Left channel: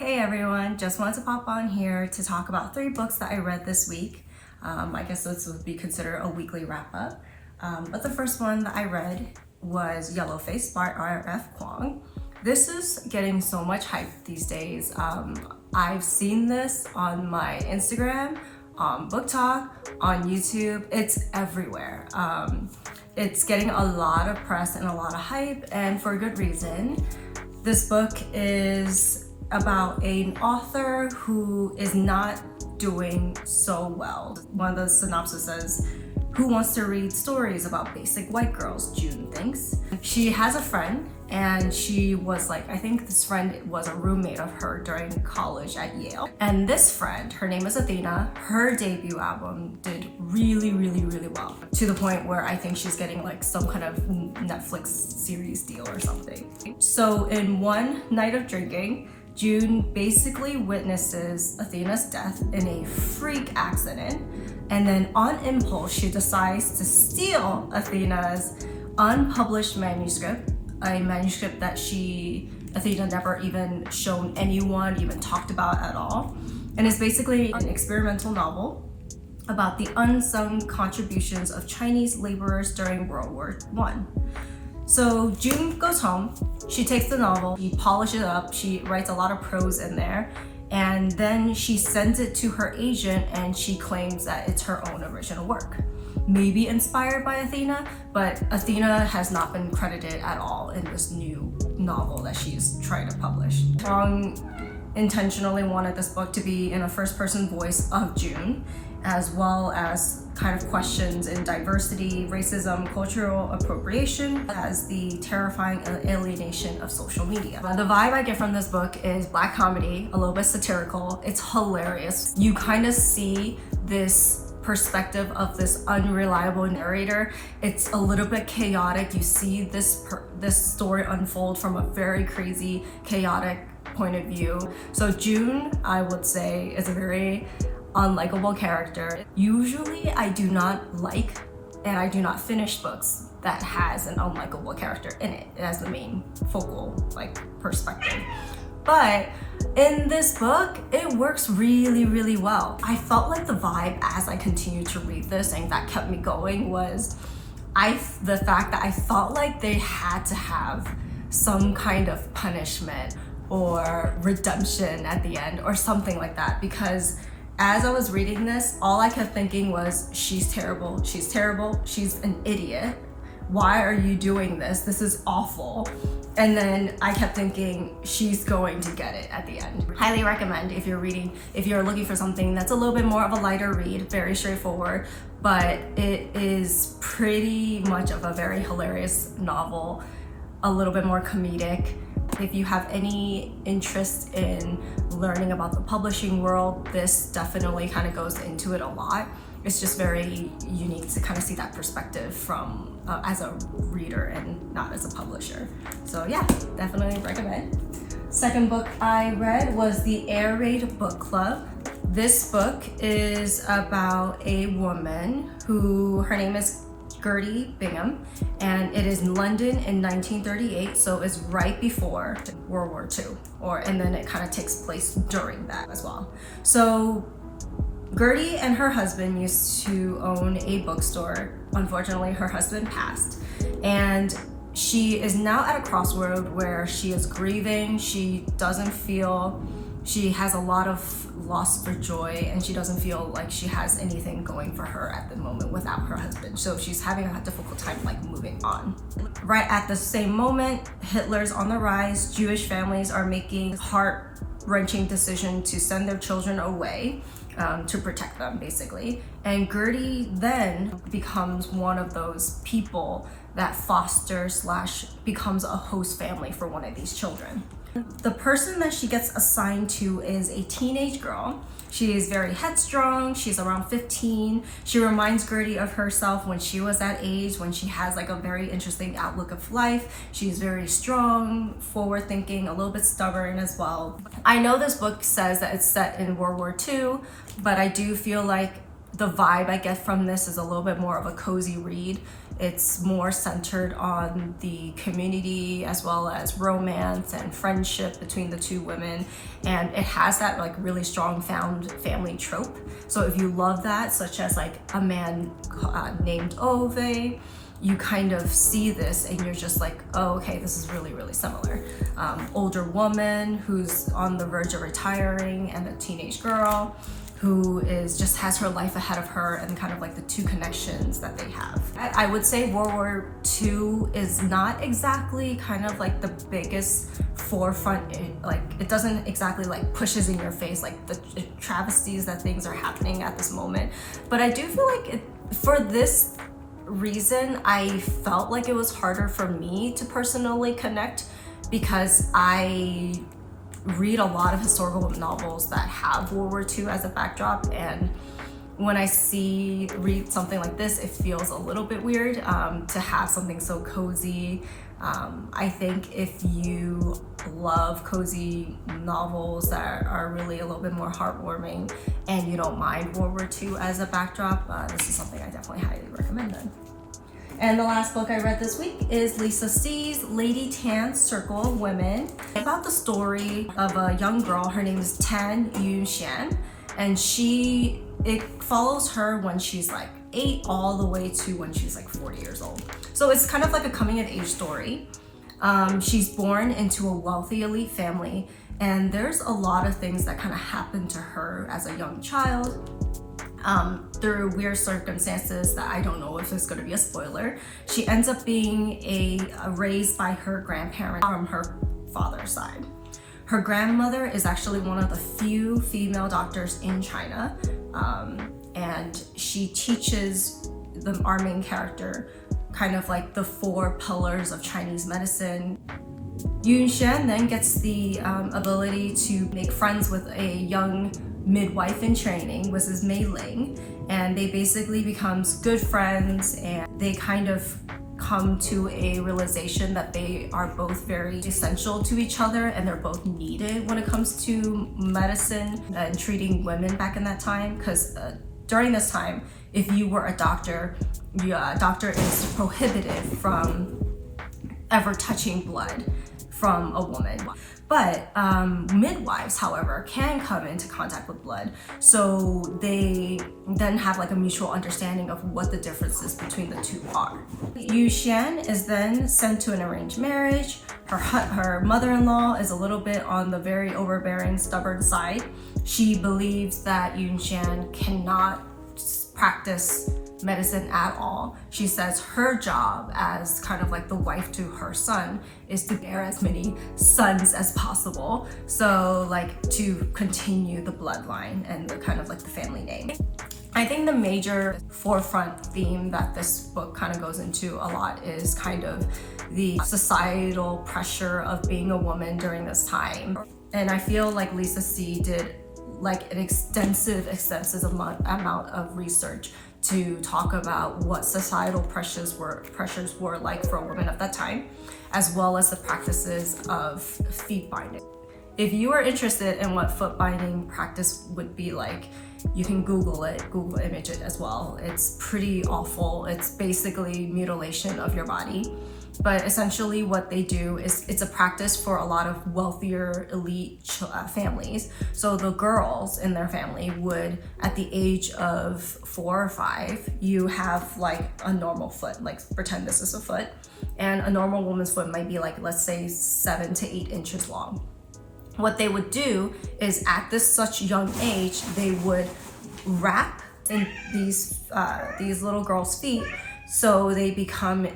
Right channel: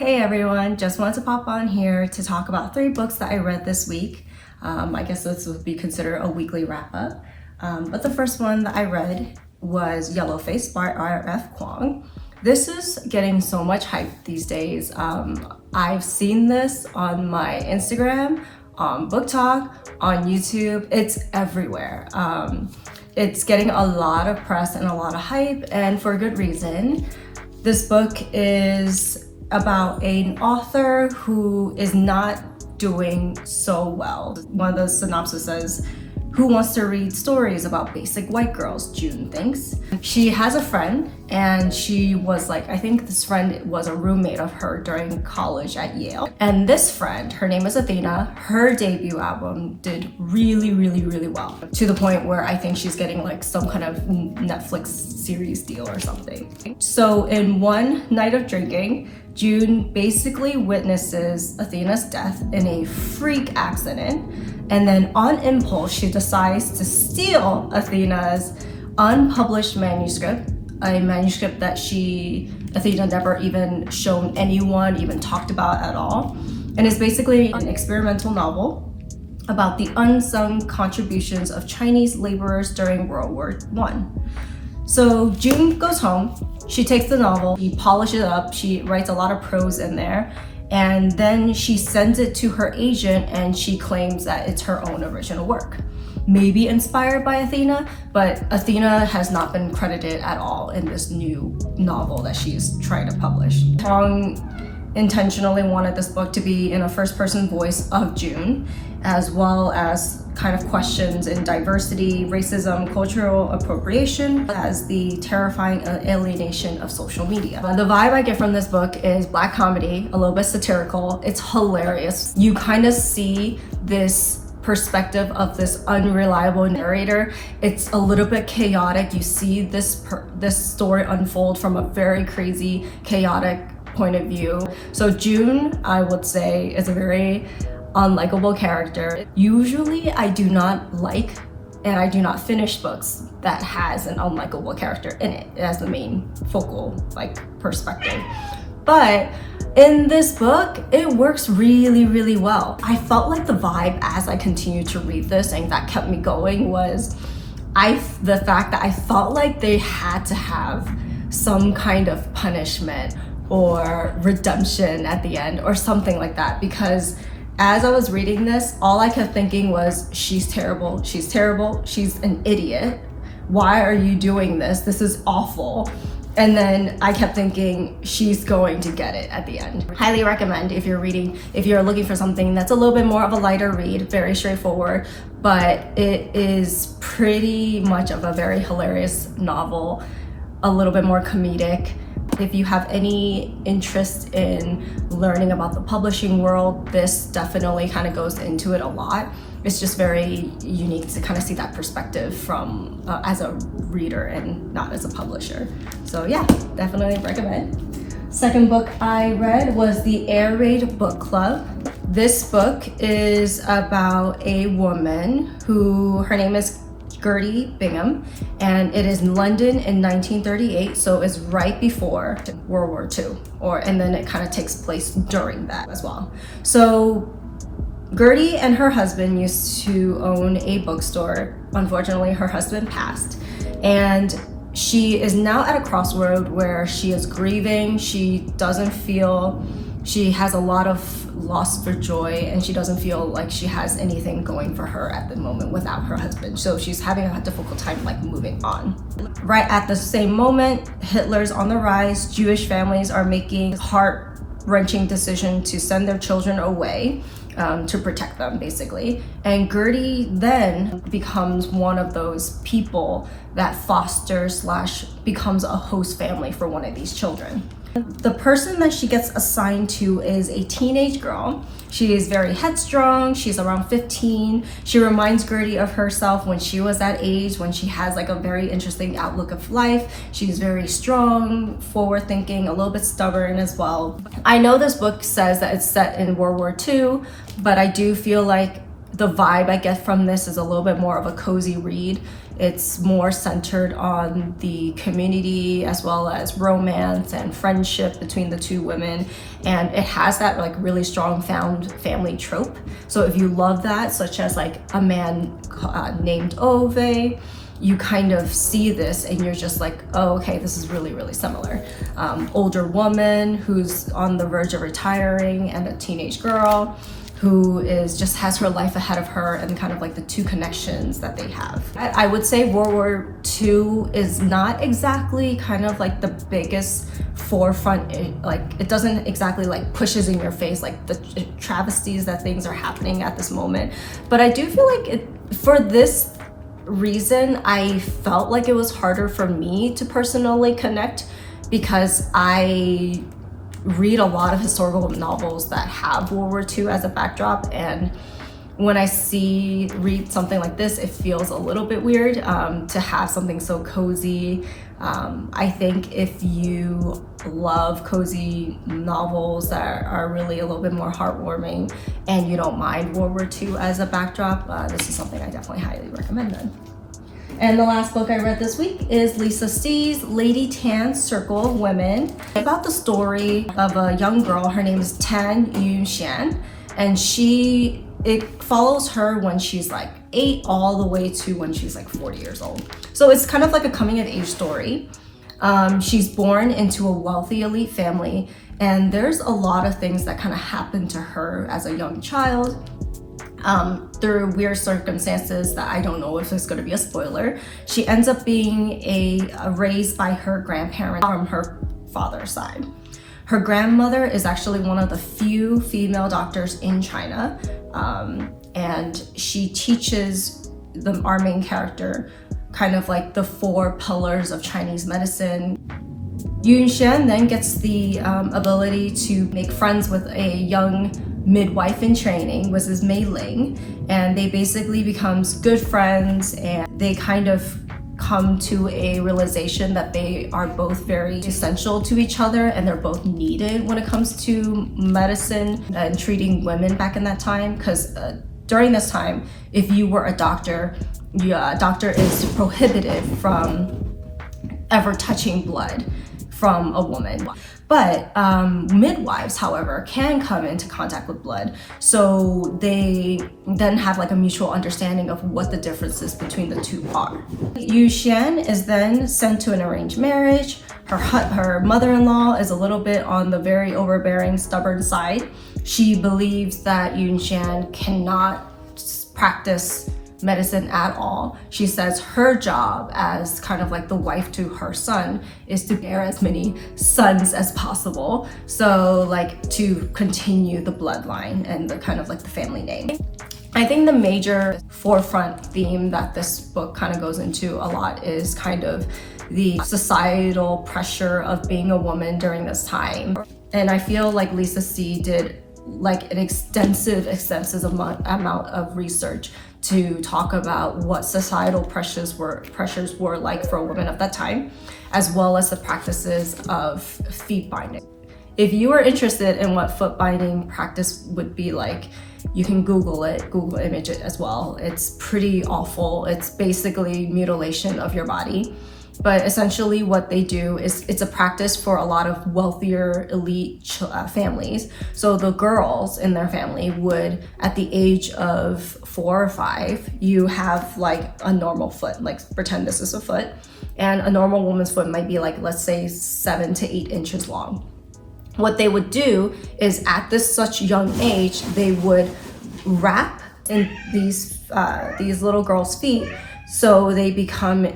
Hey everyone, just wanted to pop on here to talk about 3 books that I read this week. I guess this would be considered a weekly wrap up. But the first one that I read was Yellowface by R.F. Kuang. This is getting so much hype these days. I've seen this on my Instagram, on Book Talk, on YouTube. It's everywhere. It's getting a lot of press and a lot of hype, and for good reason. This book is about an author who is not doing so well. One of the synopsis says, "Who wants to read stories about basic white girls?" June thinks. She has a friend, and she was like, I think this friend was a roommate of her during college at Yale. And this friend, her name is Athena, her debut album did really well, to the point where I think she's getting like some kind of Netflix series deal or something. So in one night of drinking, June basically witnesses Athena's death in a freak accident, and then on impulse she decides to steal Athena's unpublished manuscript, a manuscript that Athena never even shown anyone, even talked about at all. And it's basically an experimental novel about the unsung contributions of Chinese laborers during World War I. So June goes home, she takes the novel, she polishes it up, she writes a lot of prose in there, and then she sends it to her agent and she claims that it's her own original work. Maybe inspired by Athena, but Athena has not been credited at all in this new novel that she's trying to publish. Kuang intentionally wanted this book to be in a first-person voice of June, as well as kind of questions in diversity, racism, cultural appropriation, as the terrifying alienation of social media. The vibe I get from this book is black comedy, a little bit satirical. It's hilarious. You kind of see this perspective of this unreliable narrator. It's a little bit chaotic. You see this story unfold from a very crazy, chaotic point of view. So June, I would say, is a very unlikable character. Usually I do not like and I do not finish books that has an unlikable character in it as the main focal perspective. But in this book, it works really well. I felt like the vibe as I continued to read this, and that kept me going, was the fact that I felt like they had to have some kind of punishment or redemption at the end or something like that, because as I was reading this, all I kept thinking was, she's terrible, she's an idiot. Why are you doing this? This is awful. And then I kept thinking, she's going to get it at the end. Highly recommend if you're looking for something that's a little bit more of a lighter read, very straightforward, but it is pretty much of a very hilarious novel, a little bit more comedic. If you have any interest in learning about the publishing world, this definitely kind of goes into it a lot. It's just very unique to kind of see that perspective from as a reader and not as a publisher. So yeah, definitely recommend. Second book I read was the Air Raid Book Club. This book is about a woman her name is Gertie Bingham, and it is in London in 1938, so it's right before World War II, and then it kind of takes place during that as well. So Gertie and her husband used to own a bookstore. Unfortunately, her husband passed, and she is now at a crossroad where she is grieving. She has a lot of loss for joy, and she doesn't feel like she has anything going for her at the moment without her husband. So she's having a difficult time moving on. Right at the same moment, Hitler's on the rise. Jewish families are making heart-wrenching decision to send their children away to protect them, basically. And Gertie then becomes one of those people that fosters / becomes a host family for one of these children. The person that she gets assigned to is a teenage girl. She is very headstrong. She's around 15. She reminds Gertie of herself when she was that age, when she has a very interesting outlook of life. She's very strong, forward-thinking, a little bit stubborn as well. I know this book says that it's set in World War II, but I do feel like the vibe I get from this is a little bit more of a cozy read. It's more centered on the community as well as romance and friendship between the two women. And it has that like really strong found family trope. So if you love that, such as like a man named Ove, you kind of see this and you're just like, oh, okay, this is really, really similar. Older woman who's on the verge of retiring and a teenage girl who just has her life ahead of her, and kind of like the two connections that they have. I would say World War II is not exactly kind of like the biggest forefront, it doesn't exactly like pushes in your face like the travesties that things are happening at this moment. But I do feel like for this reason, I felt like it was harder for me to personally connect, because I read a lot of historical novels that have World War II as a backdrop, and when I read something like this, it feels a little bit weird to have something so cozy. I think if you love cozy novels that are really a little bit more heartwarming and you don't mind World War II as a backdrop, this is something I definitely highly recommend then. And the last book I read this week is Lisa C's Lady Tan's Circle of Women. It's about the story of a young girl. Her name is Tan Yunxian, and it follows her when she's like 8 all the way to when she's like 40 years old. So it's kind of like a coming of age story. She's born into a wealthy elite family, and there's a lot of things that kind of happen to her as a young child. Through weird circumstances that I don't know if it's going to be a spoiler. She ends up being raised by her grandparents from her father's side. Her grandmother is actually one of the few female doctors in China, and she teaches our main character kind of like the 4 pillars of Chinese medicine. Yunxian then gets the ability to make friends with a young midwife in training, which is Mei Ling, and they basically becomes good friends, and they kind of come to a realization that they are both very essential to each other, and they're both needed when it comes to medicine and treating women back in that time. Because during this time, if you were a doctor, a doctor is prohibited from ever touching blood from a woman. But midwives, however, can come into contact with blood. So they then have like a mutual understanding of what the differences between the two are. Yunxian is then sent to an arranged marriage. Her mother-in-law is a little bit on the very overbearing, stubborn side. She believes that Yunxian cannot practice medicine at all. She says her job as kind of like the wife to her son is to bear as many sons as possible, so like to continue the bloodline and the kind of like the family name. I think the major forefront theme that this book kind of goes into a lot is kind of the societal pressure of being a woman during this time. And I feel like Lisa C did like an extensive amount of research to talk about what societal pressures were like for a woman of that time, as well as the practices of feet binding. If you are interested in what foot binding practice would be like, you can Google image it as well. It's pretty awful. It's basically mutilation of your body. But essentially what they do is it's a practice for a lot of wealthier elite families. So the girls in their family would, at the age of 4 or 5, you have like a normal foot, like pretend this is a foot. And a normal woman's foot might be like, let's say 7 to 8 inches long. What they would do is at such young age, they would wrap in these little girls' feet, so they become,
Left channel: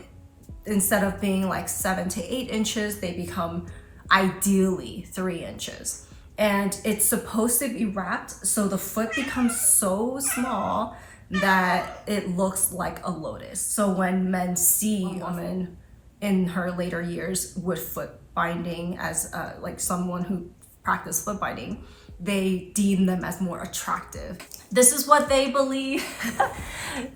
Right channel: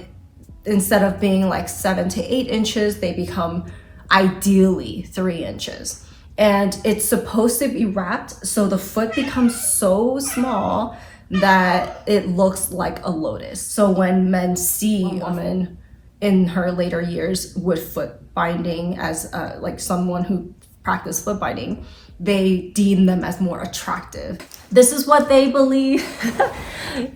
instead of being like 7 to 8 inches, they become ideally 3 inches. And it's supposed to be wrapped so the foot becomes so small that it looks like a lotus. So when men see a woman in her later years with foot binding as like someone who practiced foot binding, they deem them as more attractive. This is what they believe.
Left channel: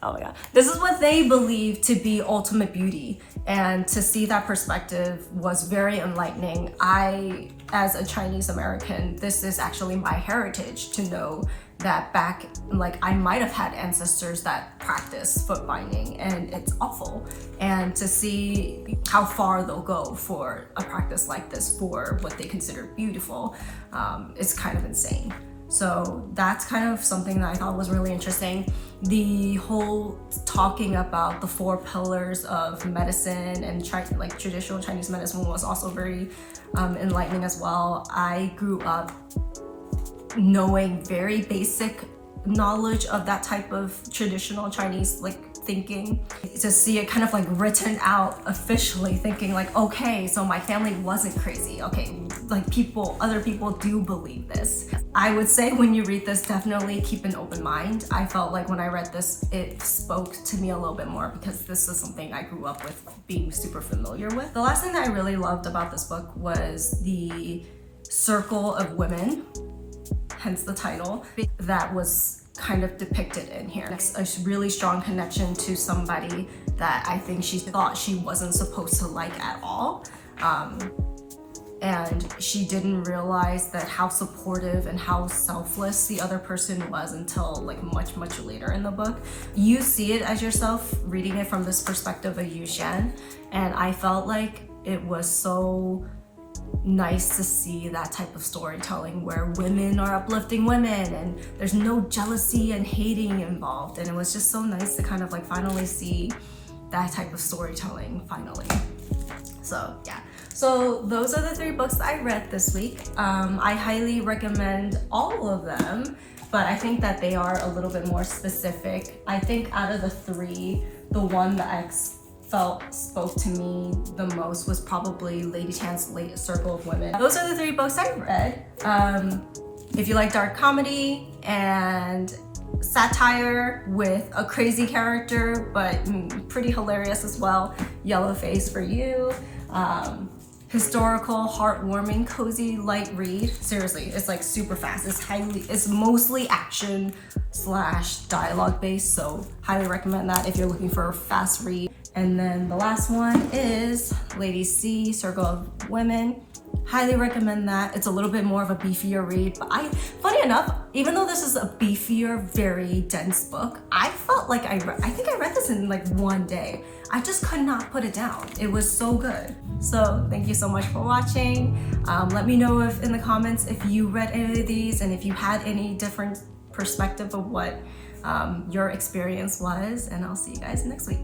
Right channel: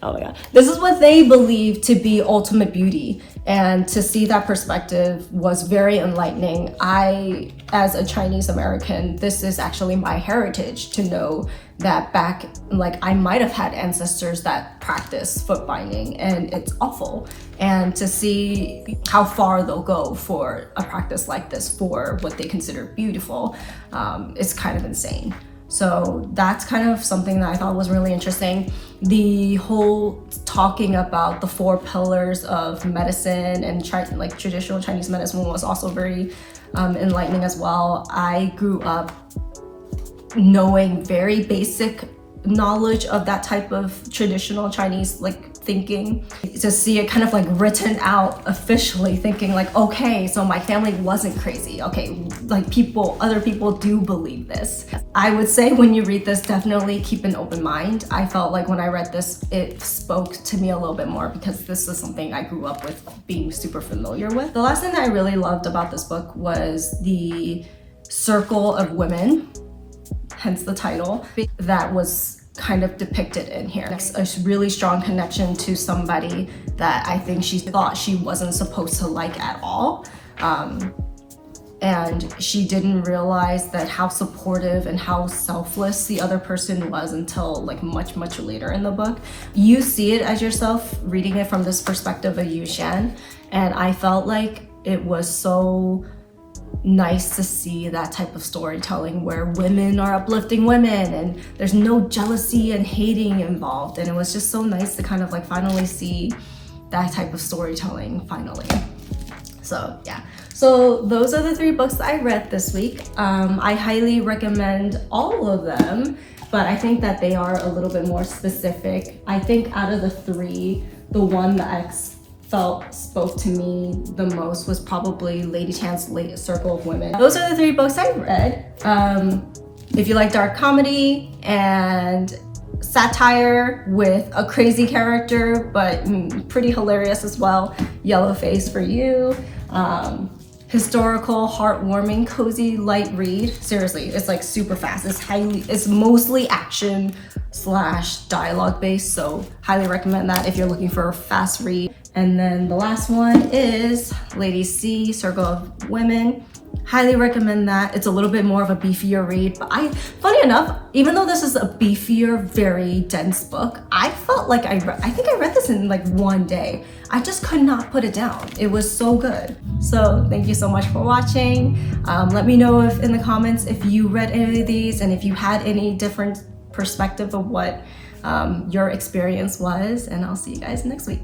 Oh my God. This is what they believe to be ultimate beauty. And to see that perspective was very enlightening. I, as a Chinese American, this is actually my heritage to know that back, like I might have had ancestors that practice foot binding and it's awful. And to see how far they'll go for a practice like this for what they consider beautiful is kind of insane. So that's kind of something that I thought was really interesting. The whole talking about the 4 pillars of medicine and like traditional Chinese medicine was also very enlightening as well. I grew up knowing very basic knowledge of that type of traditional Chinese like thinking. To see it kind of like written out officially, thinking like, okay, so my family wasn't crazy. Okay, like other people do believe this. I would say when you read this, definitely keep an open mind. I felt like when I read this, it spoke to me a little bit more because this is something I grew up with being super familiar with. The last thing that I really loved about this book was the circle of women, hence the title, that was kind of depicted in here. A really strong connection to somebody that I think she thought she wasn't supposed to like at all. And she didn't realize that how supportive and how selfless the other person was until like much later in the book. You see it as yourself reading it from this perspective of Yu Shan, and I felt like it was so nice to see that type of storytelling where women are uplifting women and there's no jealousy and hating involved, and it was just so nice to kind of like finally see that type of storytelling finally. So yeah, so those are the 3 books that I read this week. I highly recommend all of them, but I think that they are a little bit more specific. I think out of the 3, the one that I felt spoke to me the most was probably Lady Tan's Late Circle of Women. Those are the 3 books I read. If you like dark comedy and satire with a crazy character, but pretty hilarious as well, Yellowface for you. Historical, heartwarming, cozy, light read. Seriously, it's like super fast. It's mostly action / dialogue based, so highly recommend that if you're looking for a fast read. And then the last one is Lady C, Circle of Women. Highly recommend that. It's a little bit more of a beefier read, but funny enough, even though this is a beefier, very dense book, I felt like I think I read this in like one day. I just could not put it down. It was so good. So thank you so much for watching. Let me know in the comments if you read any of these and if you had any different perspective of what your experience was, and I'll see you guys next week.